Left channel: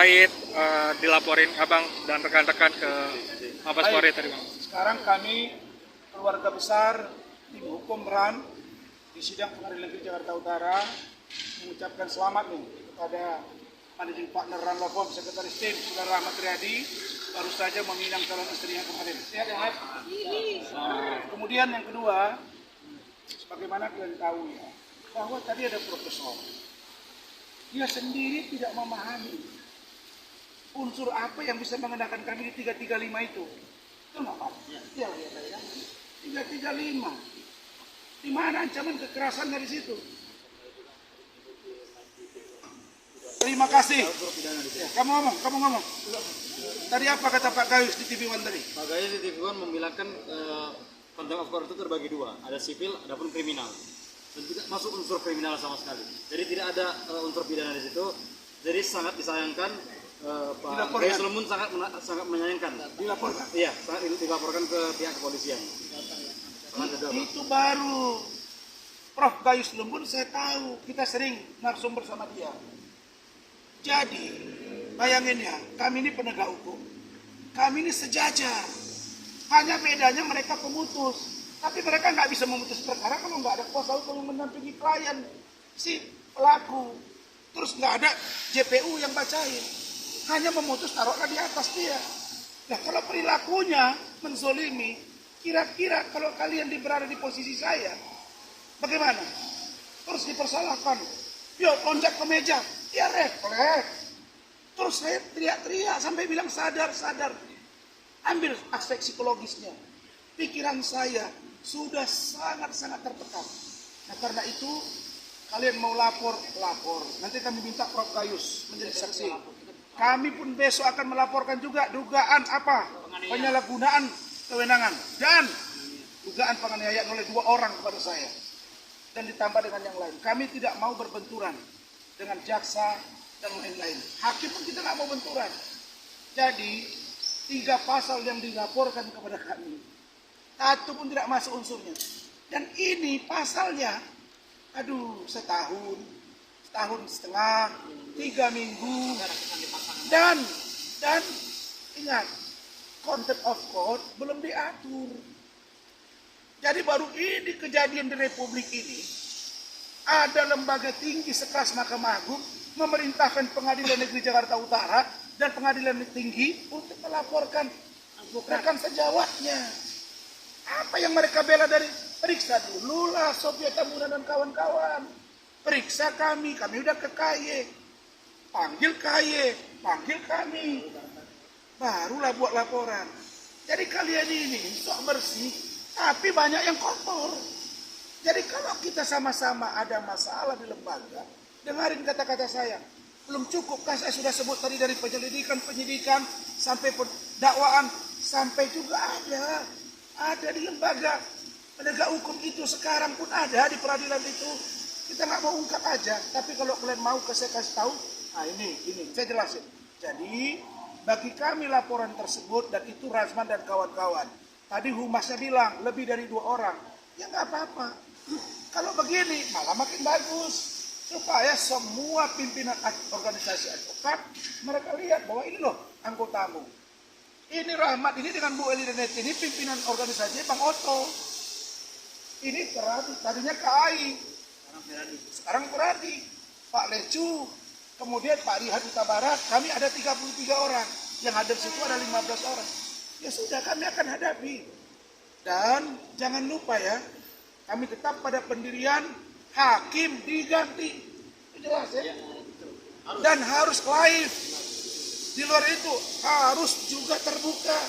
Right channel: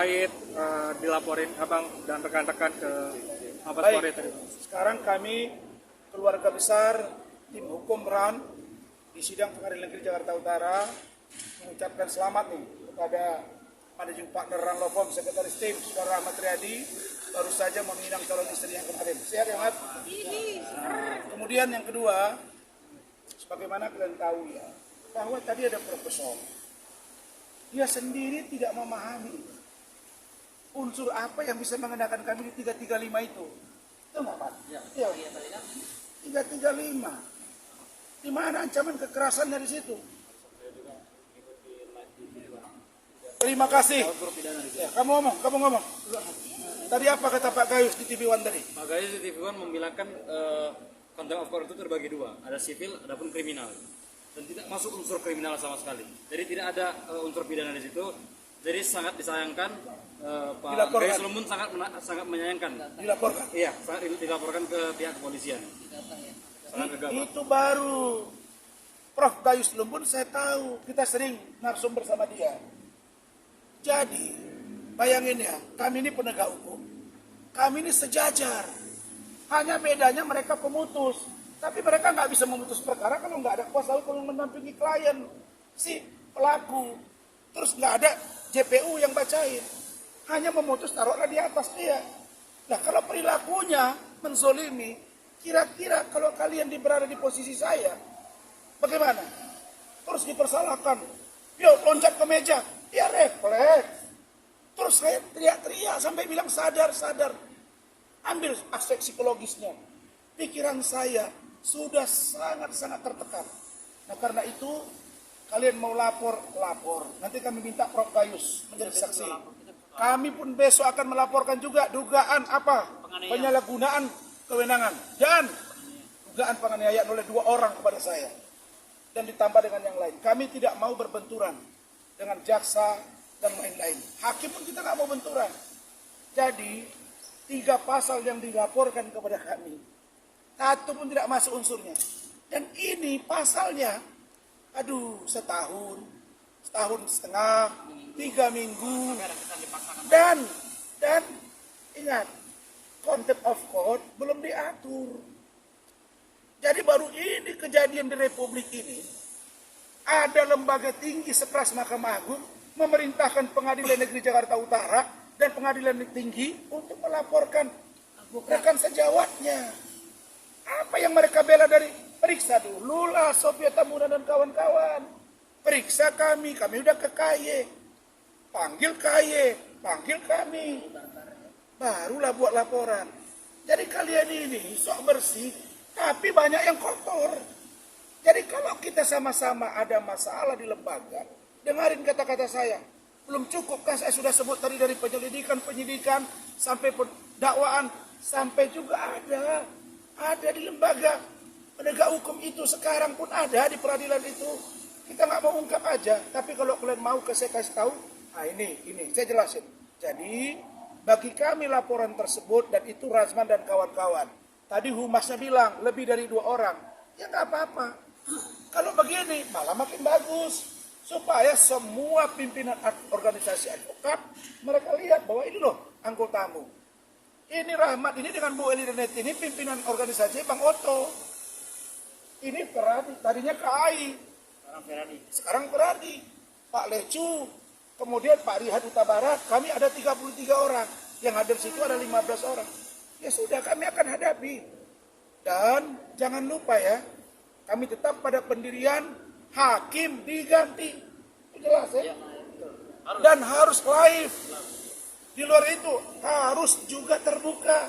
terkait dilaporin Abang dan rekan-rekan ke Mabes Polri tadi, Bang? Sekarang kami keluarga besar tim hukum RAN di sidang Pengadilan Negeri Jakarta Utara mengucapkan selamat nih kepada Managing Partner RAN Law Firm, Sekretaris Tim Saudara Ahmad Riyadi baru saja meminang calon istri yang kemarin. Sehat ya, Ahmad? Kemudian yang kedua, sebagaimana kalian tahu ya, bahwa tadi ada profesor. Dia sendiri tidak memahami unsur apa yang bisa mengenakan kami di 335 itu. Betul nggak, Pak? Ya. 335. Di mana ancaman kekerasan dari situ? Terima kasih. Ya, kamu ngomong. Tadi apa kata Pak Gayus di TV One tadi? Pak Gayus di TV One membilangkan contempt of court itu terbagi dua, ada sipil, adapun kriminal. Dan tidak masuk unsur kriminal sama sekali. Jadi tidak ada unsur pidana di situ. Jadi sangat disayangkan Pak Gayus Lumbun sangat menyayangkan. Dilaporkan. Iya, sangat dilaporkan ke pihak kepolisian. Itu baru Prof. Gayus Lumbun saya tahu, kita sering narsum bersama dia. Jadi, bayangin ya, kami ini penegak hukum. Kami ini sejajar. Hanya bedanya mereka pemutus. Tapi mereka nggak bisa memutus perkara kalau nggak ada kuasa hukum yang mendampingi klien, si pelaku. Terus nggak ada JPU yang bacain. Hanya memutus taruhlah di atas dia. Nah kalau perilakunya menzolimi, kira-kira kalau kalian berada di posisi saya, bagaimana? Terus dipersalahkan. Yo loncat ke meja, ya refleks. Terus saya teriak-teriak sampai bilang sadar. Ambil aspek psikologisnya. Pikiran saya sudah sangat-sangat tertekan. Nah karena itu kalian mau lapor. Nanti kami minta Prof. Gayus menjadi saksi. Kami pun besok akan melaporkan juga dugaan apa? Penyalahgunaan kewenangan dan dugaan penganiayaan oleh 2 orang kepada saya. Dan ditambah dengan yang lain. Kami tidak mau berbenturan dengan jaksa dan lain-lain. Hakim pun kita nggak mau benturan. Jadi 3 pasal yang dilaporkan kepada kami, satu pun tidak masuk unsurnya. Dan ini pasalnya, setahun setengah, 3 minggu. Dan ingat, contempt of court belum diatur. Jadi baru ini kejadian di Republik ini, ada lembaga tinggi sekelas Mahkamah Agung memerintahkan Pengadilan Negeri Jakarta Utara dan Pengadilan Tinggi untuk melaporkan rekan sejawatnya. Apa yang mereka bela dari periksa dulu lah Sofia Tamuna dan kawan-kawan. Periksa kami udah ke KY. Panggil KY, panggil kami. Barulah buat laporan. Jadi kalian ini sok bersih, tapi banyak yang kotor. Jadi kalau kita sama-sama ada masalah di lembaga, dengarin kata-kata saya. Belum cukupkah saya sudah sebut tadi dari penyidikan, sampai dakwaan, sampai juga ada di lembaga penegak hukum itu sekarang pun ada di peradilan itu. Kita nggak mau ungkap aja, tapi kalau kalian mau saya kasih tahu, ini saya jelasin. Jadi bagi kami laporan tersebut dan itu Razman dan kawan-kawan. Tadi humasnya bilang lebih dari 2 orang, ya nggak apa-apa. Kalau begini malah makin bagus supaya semua pimpinan organisasi advokat mereka lihat bahwa ini loh anggotamu. Ini Rahmat, ini dengan Bu Eli Renet, ini pimpinan organisasi Bang Oto. Ini Feradi, tadinya KAI. Sekarang Feradi. Pak Lecu, kemudian Pak Rihan Huta Barat, kami ada 33 orang. Yang hadir situ ada 15 orang. Ya sudah, kami akan hadapi. Dan jangan lupa ya, kami tetap pada pendirian hakim diganti. Itu jelas ya? Dan harus live. Di luar itu harus juga terbuka.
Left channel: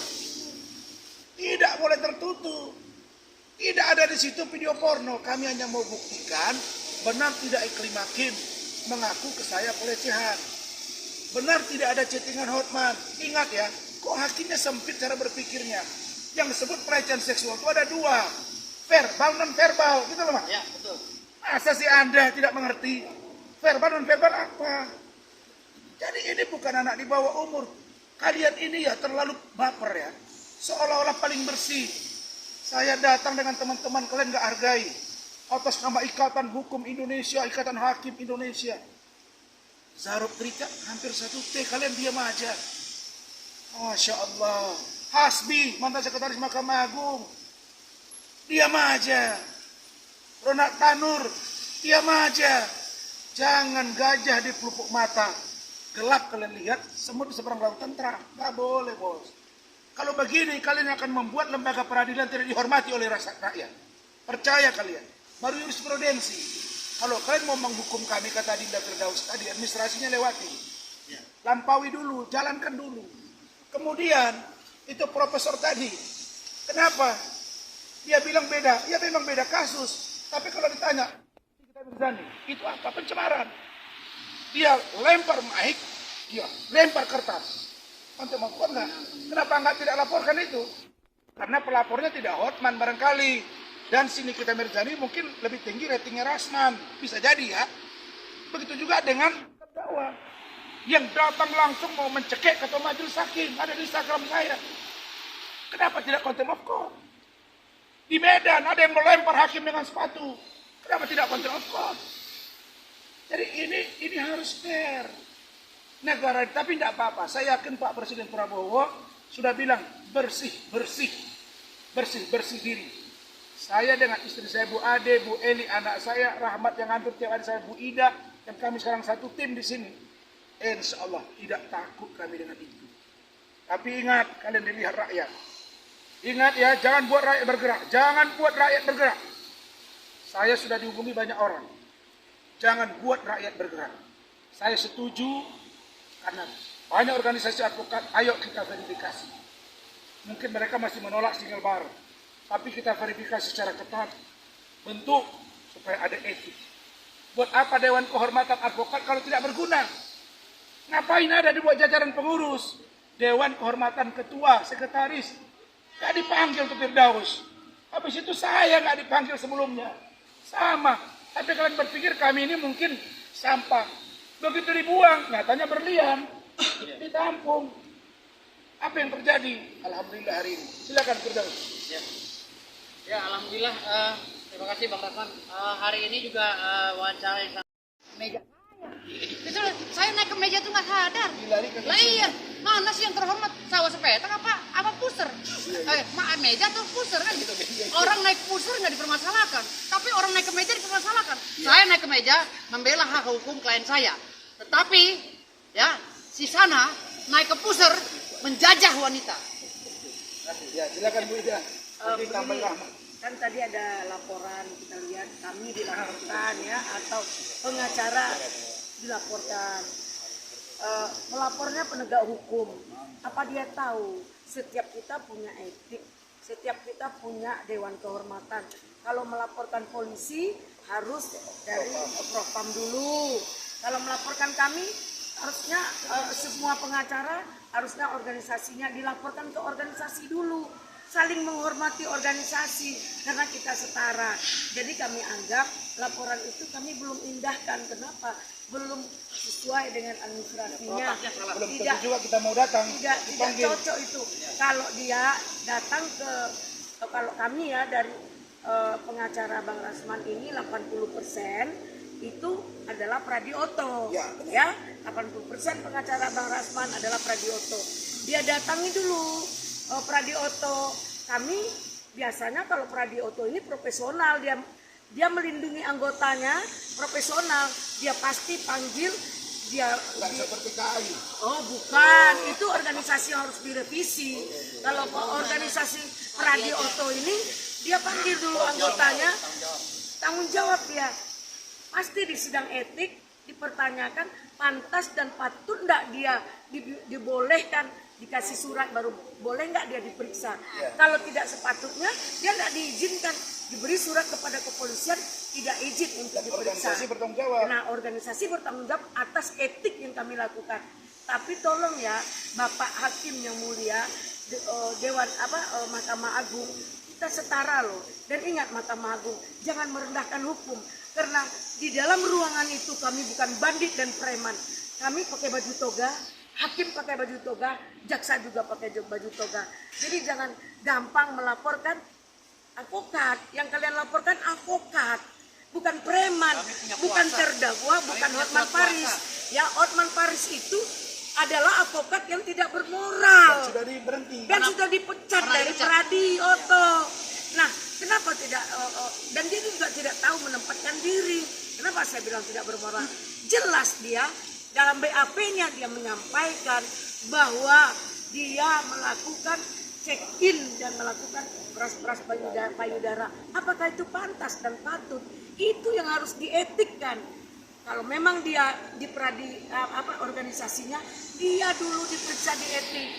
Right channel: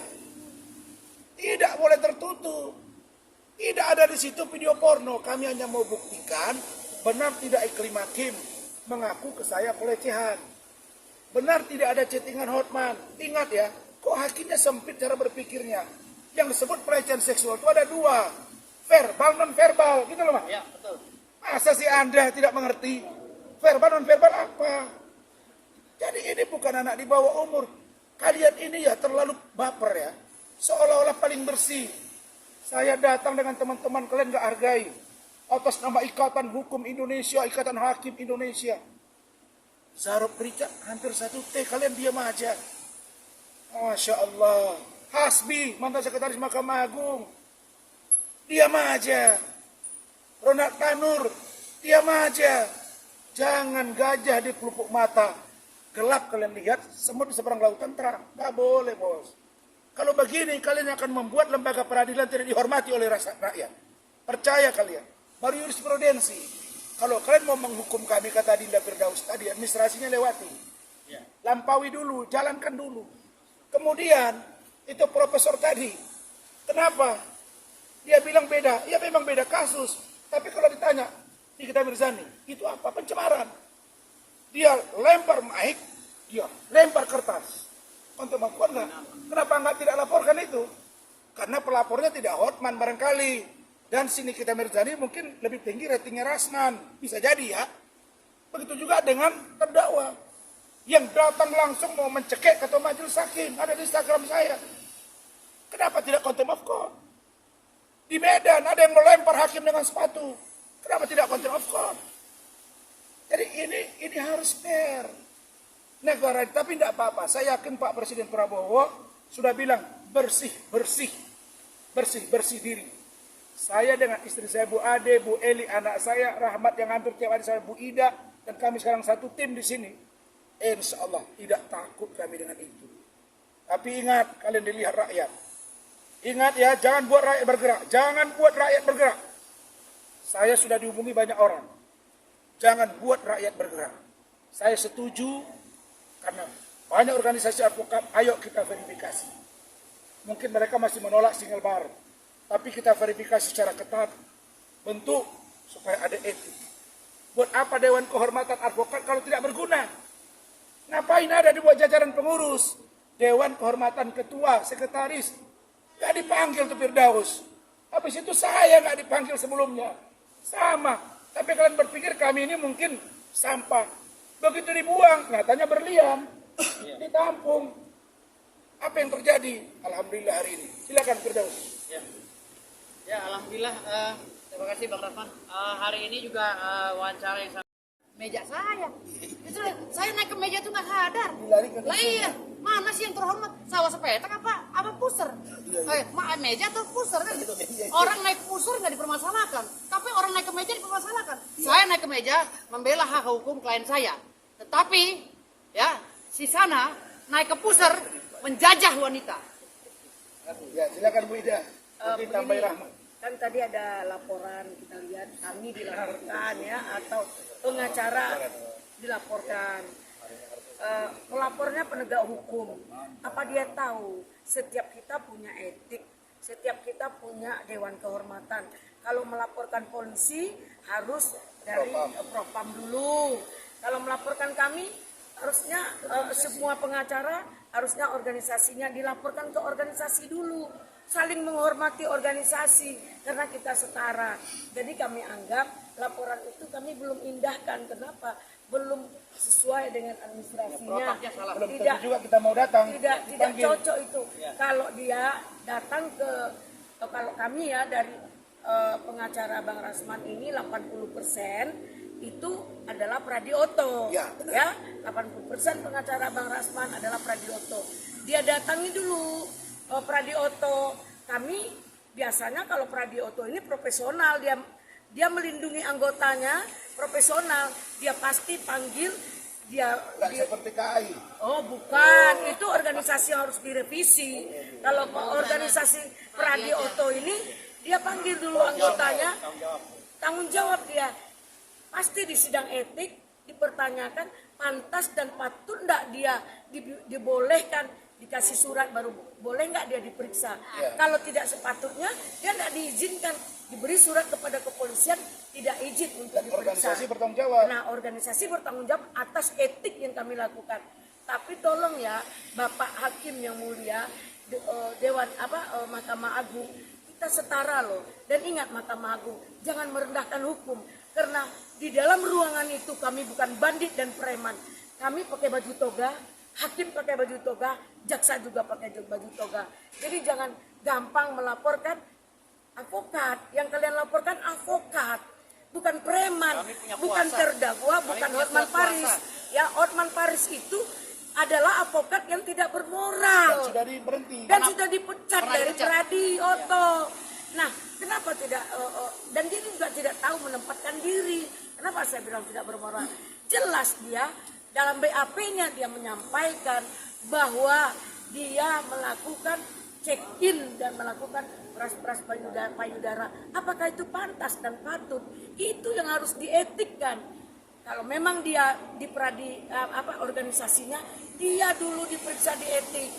Tidak boleh tertutup. Tidak ada di situ video porno. Kami hanya mau buktikan benar tidak Iklim Hakim mengaku ke saya pelecehan. Benar tidak ada chattingan Hotman. Ingat ya, kok hakimnya sempit cara berpikirnya. Yang disebut pelecehan seksual itu ada 2. Verbal non verbal, gitu loh Mas. Ya, betul. Masa sih Anda tidak mengerti? Verbal non verbal apa? Jadi ini bukan anak di bawah umur. Kalian ini ya terlalu baper ya. Seolah-olah paling bersih. Saya datang dengan teman-teman kalian gak hargai. Atas nama Ikatan Hukum Indonesia, Ikatan Hakim Indonesia. Zarok Rika hampir 1 T, kalian diam aja. Masya Allah. Hasbi, mantan sekretaris Mahkamah Agung, diam aja. Ronald Tanur, diam aja. Jangan gajah di pelupuk mata. Gelap kalian lihat, semut di seberang lautan terang. Gak boleh, bos. Kalau begini, kalian akan membuat lembaga peradilan tidak dihormati oleh rakyat. Percaya kalian. Baru jurisprudensi. Kalau kalian mau menghukum kami, kata Dinda Firdaus tadi, administrasinya lewati. Lampaui dulu, jalankan dulu. Kemudian, itu profesor tadi. Kenapa? Dia bilang beda. Ya memang beda kasus. Tapi kalau ditanya, Nikita Mirzani, itu apa? Pencemaran. Dia lempar mic, dia lempar kertas. Untuk melakukan enggak? Kenapa enggak tidak laporkan itu? Karena pelapornya tidak hotman barangkali. Dan si Nikita Mirzani mungkin lebih tinggi ratingnya Rasman. Bisa jadi ya. Begitu juga dengan terdakwa. Yang datang langsung mau mencekik ketua majelis hakim. Ada di Instagram saya. Kenapa tidak contempt of court? Di Medan ada yang melempar hakim dengan sepatu. Kenapa tidak contempt of court? Jadi ini harus fair. Negara, tapi tidak apa-apa. Saya yakin Pak Presiden Prabowo sudah bilang bersih diri. Saya dengan istri saya Bu Ade, Bu Eli, anak saya Rahmat yang hampir tiap hari saya Bu Ida, dan kami sekarang satu tim di sini. Insya Allah tidak takut kami dengan itu. Tapi ingat, kalian dilihat rakyat. Ingat ya, jangan buat rakyat bergerak. Jangan buat rakyat bergerak. Saya sudah dihubungi banyak orang. Jangan buat rakyat bergerak. Saya setuju karena banyak organisasi advokat, ayo kita verifikasi. Mungkin mereka masih menolak single bar. Tapi kita verifikasi secara ketat. Bentuk supaya ada etik. Buat apa Dewan Kehormatan Advokat kalau tidak berguna? Ngapain ada di buat jajaran pengurus? Dewan Kehormatan Ketua, Sekretaris. Gak dipanggil ke Firdaus. Habis itu saya gak dipanggil sebelumnya. Sama. Tapi kalian berpikir kami ini mungkin sampah. Begitu dibuang, nyatanya berlian. Ditampung. Apa yang terjadi? Alhamdulillah hari ini. Silakan Firdaus. Ya, alhamdulillah. Terima kasih Bang Rasman. Hari ini juga wawancara yang meja saya. Itu saya naik ke meja tuh nggak sadar. Lah iya, mana sih yang terhormat? Sawah sepetak apa pusar? Meja tuh pusar kan? Orang naik pusar nggak dipermasalahkan, tapi orang naik ke meja dipermasalahkan. Saya naik ke meja membela hak hukum klien saya, tetapi ya si sana naik ke pusar menjajah wanita. Ya, silakan Bu Ida. Tambah Rahmat. Kan tadi ada laporan, kita lihat kami dilaporkan ya, atau pengacara dilaporkan. Melapornya penegak hukum. Apa dia tahu setiap kita punya etik, setiap kita punya dewan kehormatan. Kalau melaporkan polisi harus dari Propam dulu. Kalau melaporkan kami harusnya semua pengacara harusnya organisasinya dilaporkan ke organisasi dulu. Saling menghormati organisasi karena kita setara. Jadi kami anggap laporan itu kami belum indahkan. Kenapa? Belum sesuai dengan administrasinya. Belum tentu juga kita mau datang. Tidak cocok itu. Kalau dia datang kalau kami ya dari pengacara Bang Rasman ini 80% itu adalah Pradioto. Ya, ya 80% pengacara Bang Rasman adalah Pradioto. Dia datangi dulu Pradioto. Kami biasanya kalau Pradioto ini profesional, dia melindungi anggotanya, profesional. Dia pasti panggil dia seperti KAI. Oh bukan, itu organisasi yang harus direvisi. Kalau organisasi Pradioto ini dia panggil dulu anggotanya, tanggung jawab dia. Pasti di sidang etik dipertanyakan pantas dan patut enggak dia dibolehkan dikasih surat baru boleh nggak dia diperiksa. Kalau tidak sepatutnya dia nggak diizinkan, diberi surat kepada kepolisian tidak izin untuk diperiksa. Organisasi bertanggung jawab. Nah, organisasi bertanggung jawab atas etik yang kami lakukan. Tapi tolong ya Bapak Hakim yang mulia, Mahkamah Agung, kita setara loh. Dan ingat Mahkamah Agung, jangan merendahkan hukum. Karena di dalam ruangan itu kami bukan bandit dan preman. Kami pakai baju toga, hakim pakai baju toga, jaksa juga pakai baju toga. Jadi jangan gampang melaporkan advokat. Yang kalian laporkan advokat. bukan preman, bukan terdakwa, bukan Hotman Paris. Ya, Hotman Paris itu adalah advokat yang tidak bermoral Sudah diberhenti. dan sudah dipecat dari Pradi Oto. Nah, kenapa tidak dan dia juga tidak tahu menempatkan diri. Kenapa saya bilang tidak bermoral? Jelas dia dalam BAP-nya dia menyampaikan bahwa dia melakukan check-in dan melakukan peras-peras payudara. Apakah itu pantas dan patut? Itu yang harus dietikkan. Kalau memang dia di Pradi organisasinya, dia dulu diperiksa di etik.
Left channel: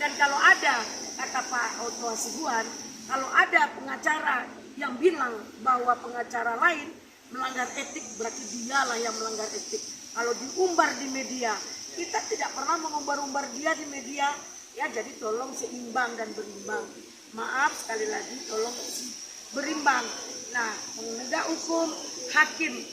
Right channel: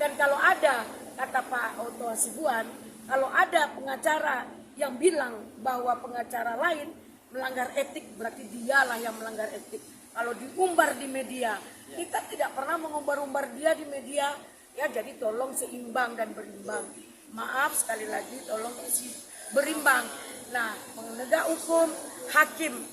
Dan kalau ada, kata Pak Otto Hasibuan, kalau ada pengacara yang bilang bahwa pengacara lain melanggar etik, berarti dialah yang melanggar etik. Kalau diumbar di media, kita tidak pernah mengumbar-umbar dia di media. Ya, jadi tolong seimbang dan berimbang. Maaf sekali lagi, tolong berimbang. Nah, penegak hukum, hakim,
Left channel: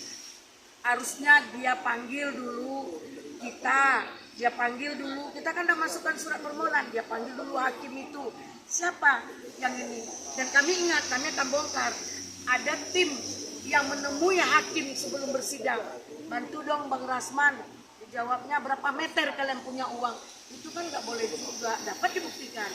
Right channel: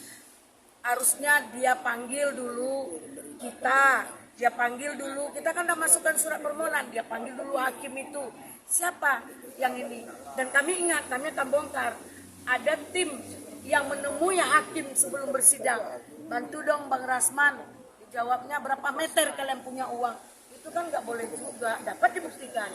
harusnya dia panggil dulu kita. Dia panggil dulu, kita kan udah masukkan surat permohonan, dia panggil dulu hakim itu. Siapa yang ini? Dan kami ingat, kami akan bongkar. Ada tim yang menemui hakim sebelum bersidang. Bantu dong Bang Rasman. Dijawabnya berapa meter kalian punya uang. Itu kan nggak boleh juga, dapat dibuktikan.